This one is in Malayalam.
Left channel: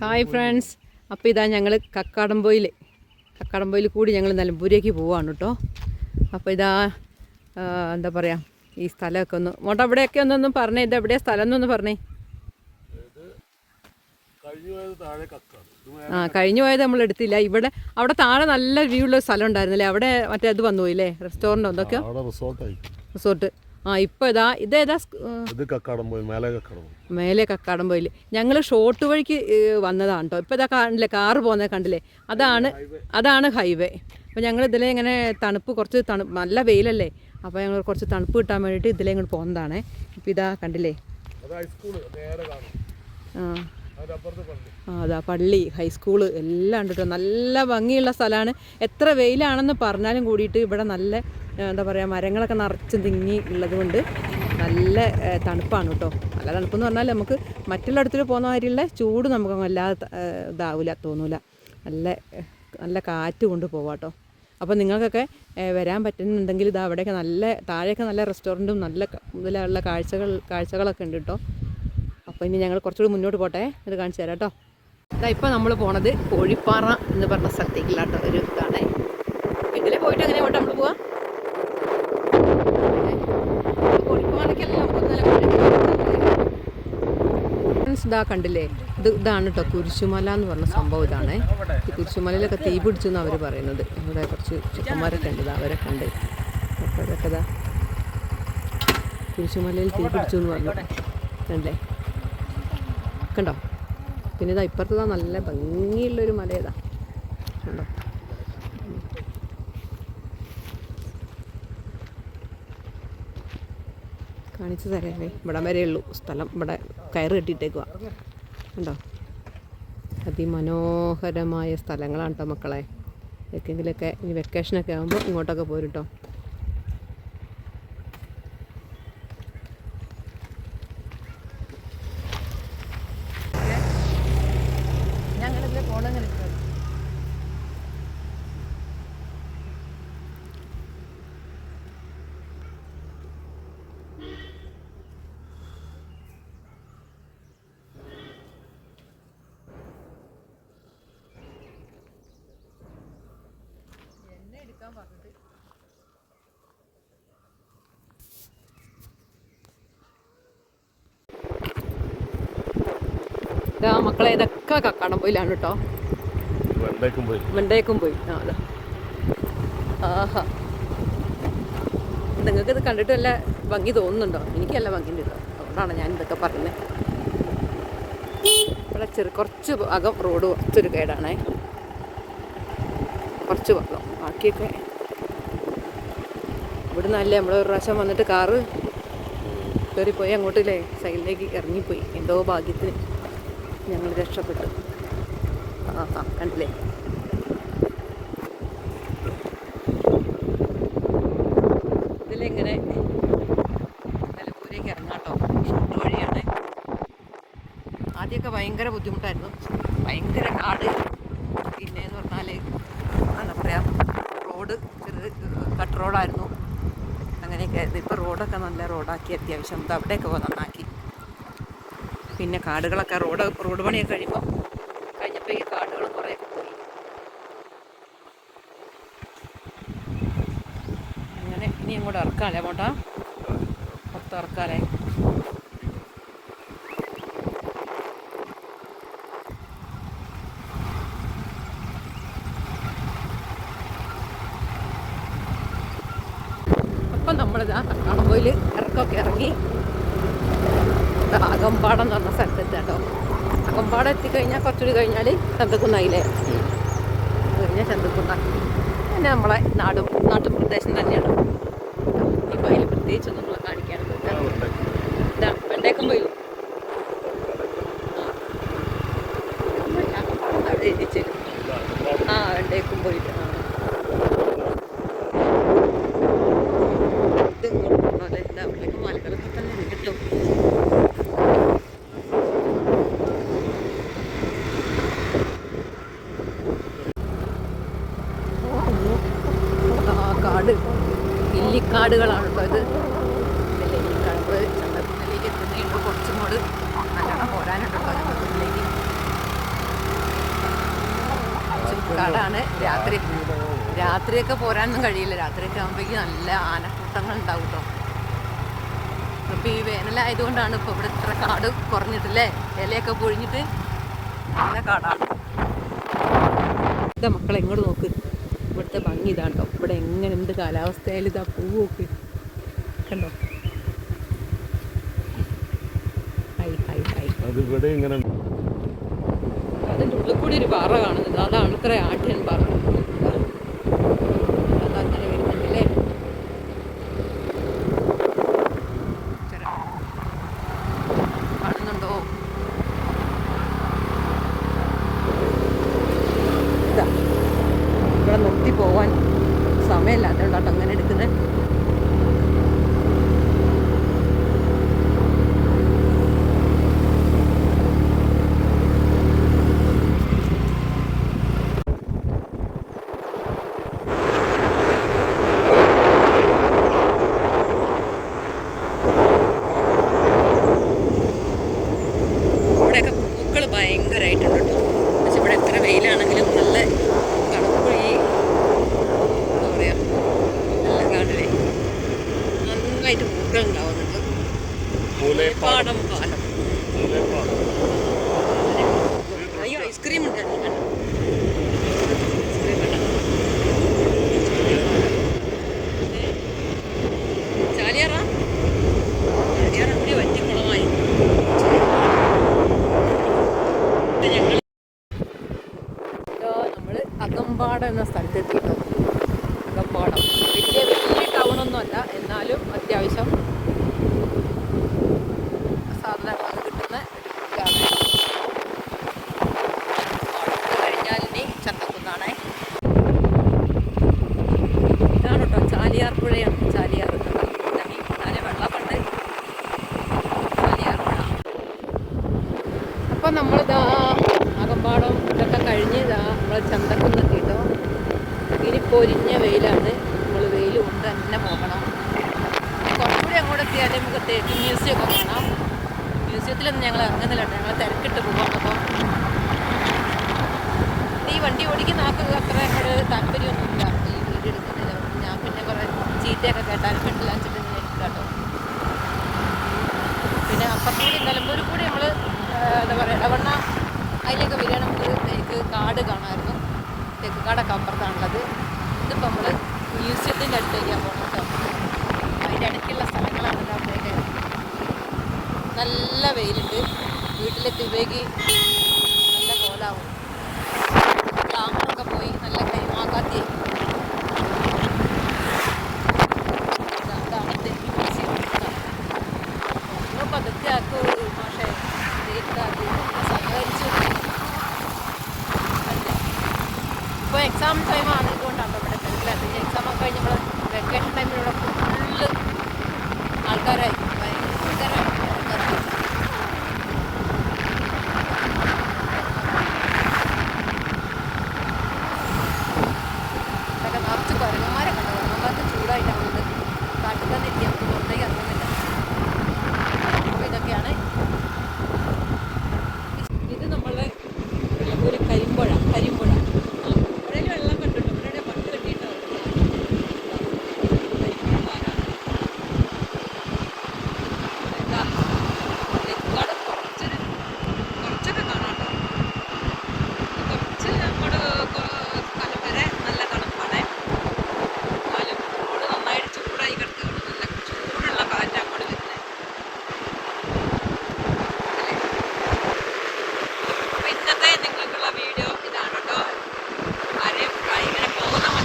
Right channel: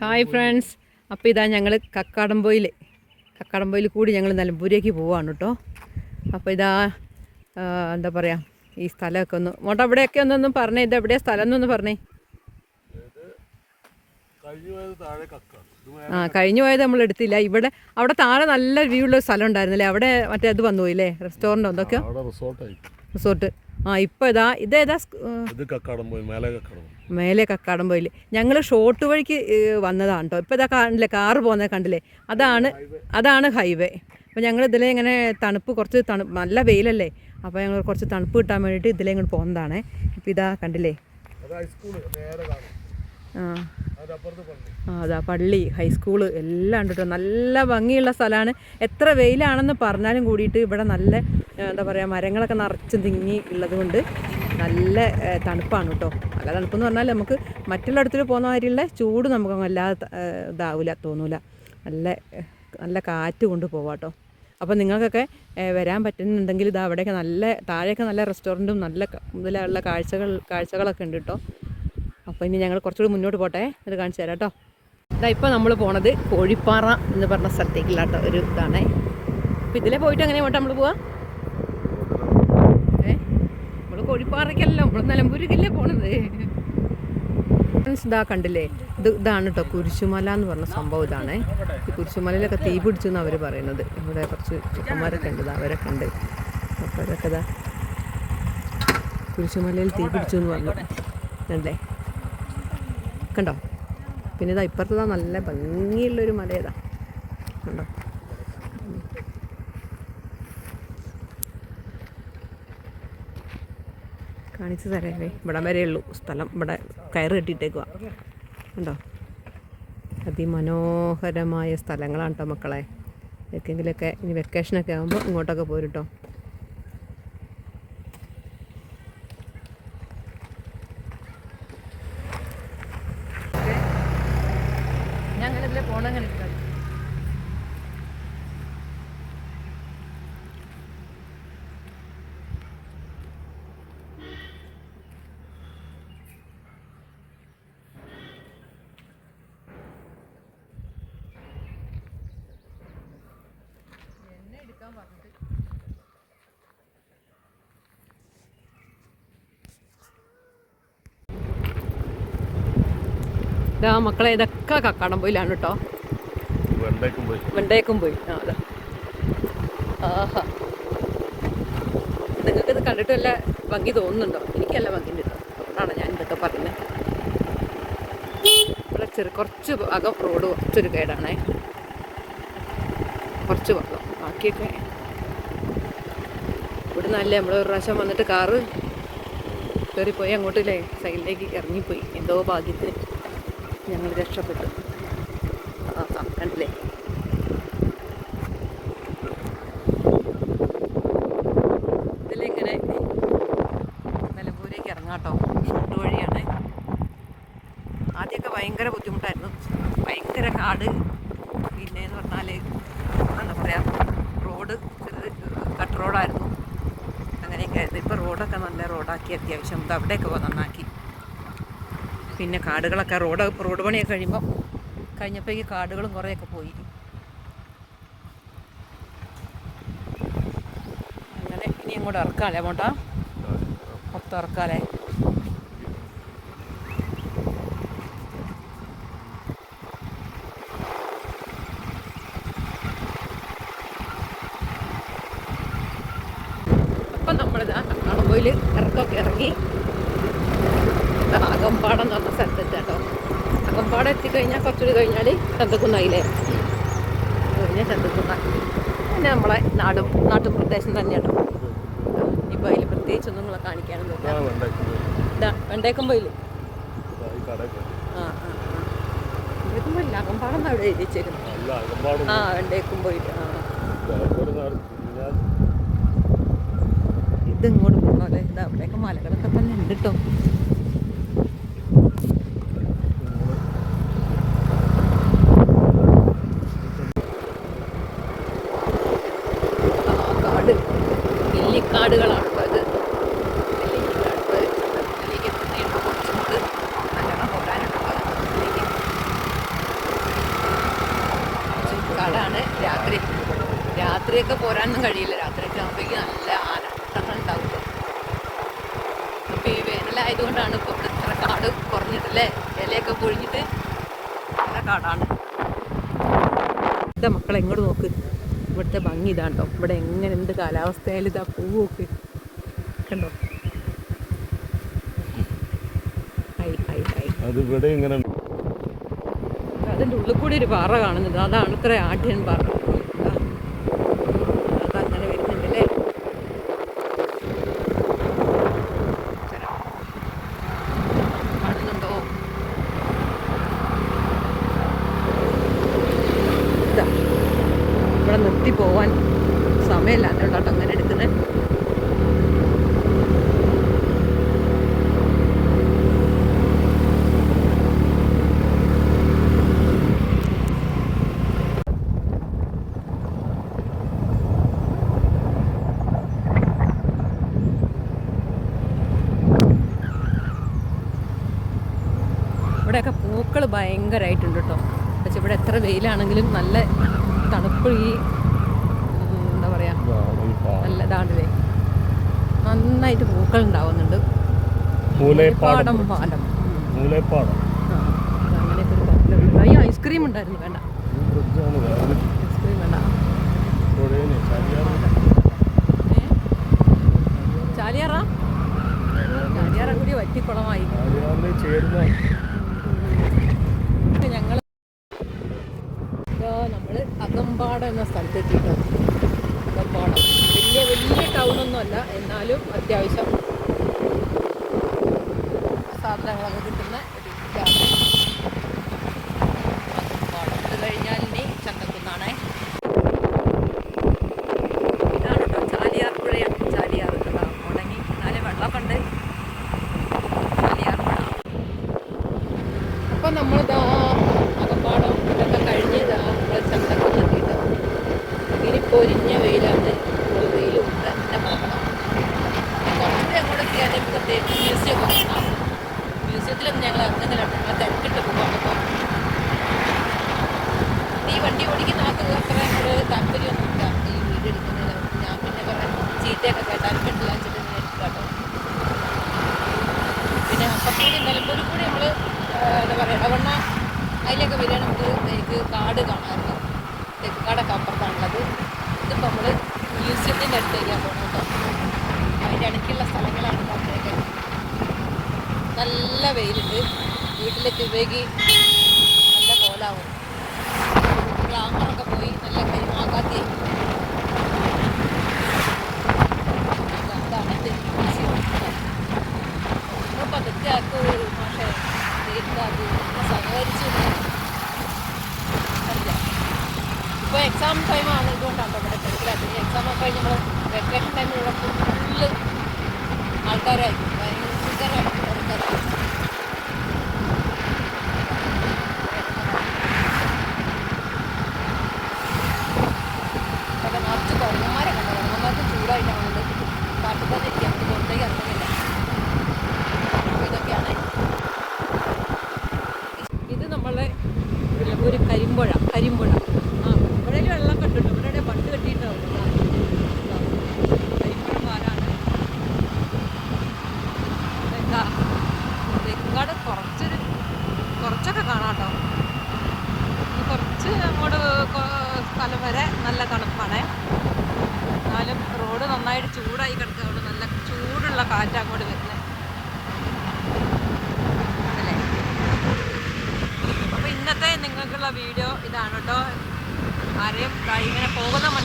ഹായ് ഫ്രണ്ട്സ് അപ്പോൾ ഇതാ ഞങ്ങൾ കക്കാടംപോയിൽ കക്കാടംപോയിൽ കൂടി ഞങ്ങൾ നിലമ്പൂരേക്ക് പോവാണ് കേട്ടോ. അപ്പോൾ ഇതാ എന്താ പറയുക ഈ സ്ഥലമൊക്കെ ഒന്ന് മോട്ട അവിടെയൊക്കെ ഒന്നൊന്നും പറഞ്ഞേ ഇത് എവിടെയാ സ്ഥലം എന്നൊന്ന് പറഞ്ഞേ. ആ കഴിഞ്ഞു പോയത് നമ്മൾ എടുത്തില്ല. ഇവിടെ അവിടെ താഴെ നല്ല വ്യൂ ഉള്ള സ്ഥലം ഉണ്ടായിരുന്നില്ലേ? അവിടെ മറ്റേ അത് വന്നു പോയില്ലേ? റെസ്റ്റോറന്റ് എന്തൊക്കെയോ? റിസോർട്ട് ആ ഇപ്പോൾ ഇതാ ഇതേതാ ഇത് കക്കാടം പോയി മേലെ കക്കാടം മേലെ കക്കാടംപോയിൽ ഞങ്ങൾ ഷോർട്ട് വഴിക്ക് വന്നതാണ് കേട്ടോ ഇപ്പോൾ ഇതാ കാണില്ലേ കാറ് പോകുന്നത് കണ്ടില്ലേ? അതാണ് അതാണ് ഹൈവേ അപ്പോൾ ഞങ്ങൾ ഇതിലെ ഇങ്ങനെ തണുപ്പ് കുറച്ച് തണു നല്ല വെയിലല്ലേ? അപ്പോൾ ഞങ്ങൾ കുറച്ച് തണുപ്പ് കിട്ടാൻ വേണ്ടിയിട്ട് ഇതിലെ ഇങ്ങോട്ട് പോകുന്നതാണ് ഇപ്പോൾ ഇതാ കണ്ടില്ലേ? അത് ആ പള്ളി. അതാ പള്ളി ഹൈസ്കൂൾ എല്ലാം ഉണ്ട് കേട്ടോ നല്ല ഭംഗിയുള്ള സ്ഥലമാണ്. എത്ര വെയിലാണെന്ന് പറഞ്ഞാലും കൂടിയിട്ട് ഇവിടെ നല്ല എന്താ പറയുക മരങ്ങളൊക്കെ നിറച്ച് തിങ്ങി ഉള്ളത് കൊണ്ട് നല്ല തണുപ്പാണ് കേട്ടോ. നല്ല തണുപ്പെന്ന് പറഞ്ഞാൽ നമുക്ക് മറ്റുള്ളിടത്തിൽ പോകുന്ന മാതിരിയുള്ള ചൂട് നമുക്ക് വല്ലാതെ ത- ഏ, ഇതാവില്ല തോന്നൂല. നല്ല നല്ല കാറ്റ് കൊണ്ട് പോവാം കേട്ടോ. അപ്പോൾ നിങ്ങൾക്കൊക്കെ വരാൻ പറ്റുന്നുണ്ടെങ്കിൽ ഇത് അവിടെയൊക്കെ നല്ല താഴെയൊക്കെ നല്ല റെസ്റ്റോറന്റും നല്ല ഇതിലുള്ള കാഴ്ചകൾ കാഴ്ചകളൊക്കെ ഉണ്ട് കേട്ടോ. അപ്പോൾ ഇനി ഞങ്ങൾ കുറച്ചുകൂടി മുന്നോട്ട് പോട്ടെ. ഇത് കാണിച്ചു തരാം കേട്ടോ. ഇതാ ഇപ്പോൾ നമ്മൾ പോണത് കോഴിപ്പാറ എന്ന് പറഞ്ഞ സ്ഥലത്തേക്കുള്ള കേട്ടോ ഒരു ഇതാണ്. ഇതിലെ പോയിട്ട് അങ്ങനെ പോട്ടെ നമ്മൾ പോവാം? നമ്മൾ ഫ്രണ്ട്സ് ഇതാ കണ്ടില്ലേ? ഇത് ഇതാണ് കേട്ടോ കുരിശുമല എന്ന് പറഞ്ഞ സംഭവം ഇതാണ്. ഈ കുരിശുമലയിലൊക്കെ തീ പിടിച്ചു എന്ന് അവർ പറയുന്നത്. ഇവിടെ കുറച്ച് ചെക്കന്മാരൊക്കെ ഉണ്ട് അവരൊക്കെ ഉണ്ട്. അപ്പോൾ അതൊക്കെ കുരിശുമലയിൽ തീ പിടിച്ചു എന്ന് പറഞ്ഞു. കണ്ടേ? കണ്ടോ? പിന്നെ ഇതാ ഇപ്പുറത്തതാ നല്ല ഭംഗിയുള്ളൊരു മല ഇതാ. കണ്ടോ? കാണിച്ചു തരാമേ ഇവിടെ വരെയുള്ളൂ സ്ഥലം ഇവിടെ കയറ് കെട്ടിയിട്ടേക്കുക കണ്ടോ? അതിമനോഹരമായ സ്ഥലങ്ങളാണ് കേട്ടോ മക്കളെ. എക്കെങ്കിലൊക്കെ ഇനി വെക്കേഷനൊക്കെ ആകുമ്പോൾ ഇങ്ങോട്ടൊക്കെ പോരും ഞാൻ ഇതാ മക്കളെ ഇതൊക്കെ കക്കാടം പോയിലാണ് കേട്ടോ വെണ്ടേക്കും പോയി. ആ അതാ ആഹാ. നിങ്ങൾക്കിത് ഇത് കണ്ടിട്ട് വല്ല ഭംഗി തോന്നുന്നുണ്ടോ? എനിക്കല്ല ഭംഗി കിട്ടോ അതുകൊണ്ടാണ് ഞാൻ ഇതൊക്കെ പറയുന്നത്. ഇവിടെ ചെറു കുറച്ച് അകം റോഡ് കുറച്ചൊരു കേടാണേ. കുറച്ച് വെള്ളം. ബാക്കിയൊക്കെ ഇവിടെ നല്ല നമ്മൾ ഒരു പ്രാവശ്യം വന്നിട്ട് കാറ് കയറിപ്പോയി അങ്ങോട്ടില്ലേ? സൈഡിലേക്ക് ഇറങ്ങിപ്പോയി. എന്തോ ഭാഗ്യത്തിന്. ഞങ്ങൾ രക്ഷപ്പെട്ടു. ആ കണ്ടില്ലേ? ഇതിലിങ്ങനെ നിലമ്പൂരേക്ക് ഇറങ്ങാട്ടോ ഷോട്ട് വഴിയാണ്. ആദ്യമൊക്കെ ഭയങ്കര ബുദ്ധിമുട്ടായിരുന്നു. ഭയങ്കര കാട്. പിന്നെ എന്ന് പറഞ്ഞാൽ എന്താ പറയുക റോഡ് കട്ട് റോഡായിരുന്നു. അങ്ങനെയൊക്കെ ആയിരുന്നു. ഇപ്പോൾ റോഡൊക്കെ നല്ല റോഡാക്കി അത്യാവശ്യം. അവിടെയൊക്കെ നന്നാക്കി. പിന്നെ കാടുകളൊക്കെ റോഡ് റോഡ് പണിയൊക്കെ കഴിയുമ്പോൾ കഴിഞ്ഞപ്പോൾ ഈ കാടുകളും കുറേയൊക്കെ പോയി. അങ്ങനെ ഇനി അങ്ങോട്ട് ഇറക്കാല്ലേ അങ്ങോട്ടാ? മൊത്തം ഇറക്കാല്ലേ? അപ്പം നമ്മളിതാ കക്കാടംപോയിൽ ഇറക്കമൊക്കെ ഇറങ്ങി. അകമ്പാടം എന്ന് പറഞ്ഞ സ്ഥലത്ത് കേട്ടോ. അകമ്പാടം എത്തിക്കഴിഞ്ഞാൽ കുറച്ചുകൂടി കഴിഞ്ഞാൽ ചന്തക്കുന്നായില്ലേ കഴിഞ്ഞാൽ ചന്തക്കുന്ന പിന്നെ നമ്മളെ നാടും നാട്ടുപ്രദേശം തന്നെയാണ്. ഇപ്പോൾ അതിൽ പ്രത്യേകിച്ചൊന്നും നമ്മളെ കാണിക്കാനൊന്നുമില്ല ഇതാ വെണ്ടേക്കം പോയില്ലേ? ആ. വെണ്ടേക്കും പോയിട്ട് ആ. ഇത് ഇങ്ങോട്ട് അല്ലേ ഇത് അവിടെയൊക്കെ മലകളൊക്കെ തന്നെ ഉണ്ട് കേട്ടോ ആ കാട് നെല്ലിക്കാടുകളാണ് കേട്ടോ ഇത് കാടാണ് രാത്രി. രാത്രിയൊക്കെ പോരാനൊന്നും കഴിയില്ല. രാത്രിയൊക്കെ ആകുമ്പോഴേക്കും നല്ല ആനക്കൂട്ടങ്ങൾ ഉണ്ടാവും കേട്ടോ അപ്പൊ ഈ വേനലായതുകൊണ്ടാണ് ഇപ്പൊ ഇവിടെ ഇത്ര കാട് കുറഞ്ഞിട്ടില്ലേ? ഇലയൊക്കെ പൊഴിഞ്ഞിട്ട് നല്ല കാടാണ്. എന്താ മക്കളെ ഇങ്ങോട്ട് നോക്ക്. ഇവിടുത്തെ ഭംഗി ഇതാണ്ടോ ഇവിടെ എങ്ങനെ എന്ത് കാലാവസ്ഥയായാലും ഇതാ പൂവൊക്കെ. കണ്ടോ. അതിന്റെ ഉള്ളിൽ കൂടി ഒരു പാറ കാണുന്നത് അതാണ് ഇത്ര ആട്ടിയൻ പാറ ദാ. അതങ്ങനെ വരുന്നുണ്ടല്ലേ തരാം. കാണുന്നുണ്ടോ ഇതാ ഇവിടെ നിർത്തി പോവാൻ സമയമില്ല അതുകൊണ്ടാട്ടോ അങ്ങനെ എടുക്കുന്നത് ഇവിടെയൊക്കെ പൂക്കൾ ഭയങ്കരമായിട്ടുണ്ട് കേട്ടോ പക്ഷെ ഇവിടെ വെയിലാണെങ്കിലും നല്ല തണുപ്പ് ഈ എന്താ പറയുക നല്ല കാണില്ലേ നന്നായിട്ട് പൂക്കൾ ഉണ്ടാവുന്നുണ്ട്. പാടം. പാലം. ഐസ്ക്രീം ഉണ്ടായിരുന്നു. വേണ്ട ഐസ്ക്രീം വേണ്ട ചാലിയാറ ചാലിയാറ കൂടി വറ്റിക്കുളമായി എന്നിട്ട് ഞങ്ങൾ നമ്മൾ അകമ്പാടം എന്ന സ്ഥലത്ത് എത്തിട്ടോ അകമ്പാടം വലിയ വലിയ ടൗണൊന്നും അല്ല എന്നാലും അത്യാവശ്യം സാധനങ്ങൾ കിട്ടുന്ന കഴിഞ്ഞാൽ ഇനി ചന്തക്കുന്നാണ്. ഇതാണ് ചാലിയാർ പുഴയാണ്. ചാലിയാർ ഉണ്ടെങ്കിൽ ഇവിടെ നാല് വെള്ളമുണ്ട് ചാലിയാർ പുഴ. നമ്മളിതാ അകമ്പാടം ഇതൊക്കെ കഴിഞ്ഞ് നമ്മൾ ചന്തക്കുന്നെത്തിയിട്ടോ ഇനി പൊരിഞ്ഞ വെയിലാണ്. നമ്മൾ വെയിൽ കൊണ്ട് തന്നെ പോകണം എത്തിയാലേ നമുക്ക് തേക്ക് മ്യൂസിയമൊക്കെ കാണാം. മ്യൂസിയത്തിലൊന്നും ഞങ്ങൾ ഇറങ്ങുന്നില്ല ഞങ്ങൾ തിരക്കിട്ട് പോവാണ് അപ്പോൾ ഈ വണ്ടി ഓടിക്കുന്ന ആൾക്ക് അത്ര അങ്ങോട്ട് താല്പര്യമൊന്നുമില്ല ഈ വീഡിയോ എടുക്കുന്നത്. ഞാൻ പിന്നെ കുറേ ചീത്തയൊക്കെ കേട്ടാൽ കണ്ടില്ല വെച്ചിട്ട് നീ കേട്ടോ. പിന്നെ അപ്പുറത്തൂടി നിലമ്പൂരിൽ കൂടി നമ്മൾ എന്താ പറയുക ഇടവണ്ണ അതിലൊക്കെ വരികയാണെങ്കിൽ എനിക്ക് കാട് കാണാമായിരുന്നു. തേക്ക് കാടൊക്കെ അപ്പുറത്താണുള്ളത് ഇതിപ്പോൾ നമ്മൾ മ്യൂസിയത്തിന്റെ അടുത്തേക്കാണ് കേട്ടോ. അതിന്റെ അടുത്തുള്ള സ്ഥലങ്ങളാണ് ഞാൻ പോയത്. നല്ല വെയിലുണ്ട്. വീട്ടിലെത്തിയപ്പോഴേക്ക് നല്ല കോലാവും. ഗ്ലാമറൊക്കെ പോയി നല്ല കൈമാക്കാത്തി ഇപ്പോൾ എക്സാം ടൈം ആയതുകൊണ്ടാണ് നമ്മുടെ കരുതലാക്കി എക്സാം ഒക്കെ കഴിഞ്ഞ് നമ്മൾ വെക്കേഷൻ ടൈമിൽ ഇതാണ് കേട്ടോ അരെ ഭയങ്കര കോതമാണ്